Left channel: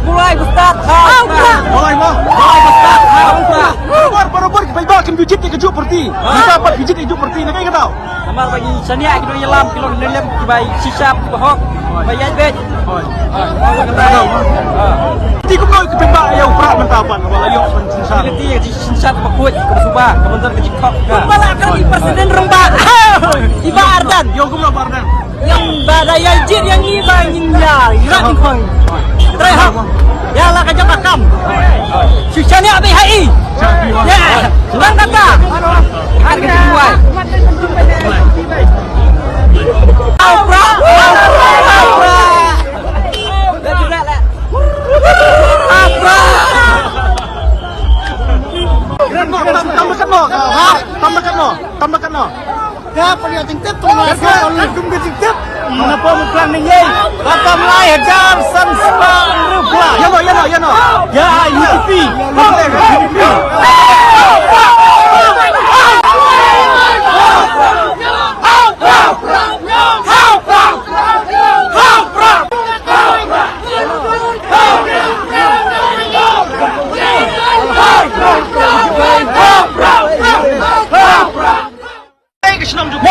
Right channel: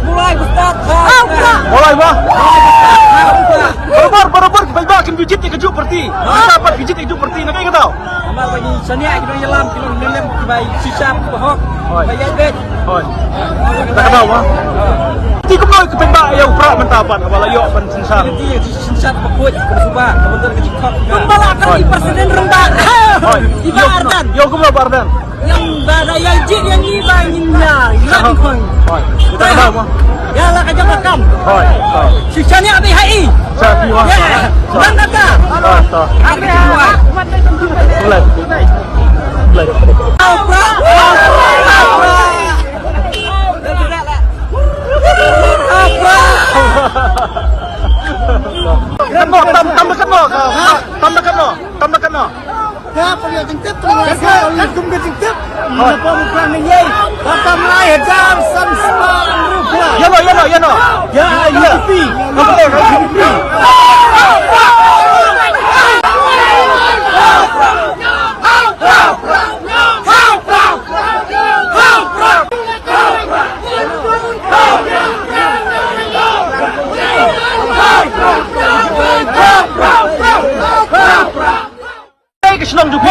Mulai Ustaz. Mulai mah. Barabar kita akan pijit keju perti. Kita dapat pijit keju perti. Nak ingat tahu? Amar bagi sania kita nongialam, kita nongialam bayi sisap bahok, bayi bet. Tak tahu mah. Ti ko mau ketembak yang prah mentapan kepala yo pan sinsap. Ti sinsap bakut ke subah, kebentar ke jikok. Kembali presiden rembak. Tiba Ardan. Yo ko mau Ardan. Yang badai yang jied yang ni banginnya. Nak pun. Tak tahu mah. Ya lah kerja makam. Sisanya habis HI. Ya. Sudah kata. Ada kejuan. Mulai. Prah. Tambahkan no. Kenapa dia cengkep tengah oleh jumpa cengkep? Kenapa bukan ni? Kata mulai hajar semua rupiah. Ya no. Ya UDP. Apa dia kan UDP? Senang juga.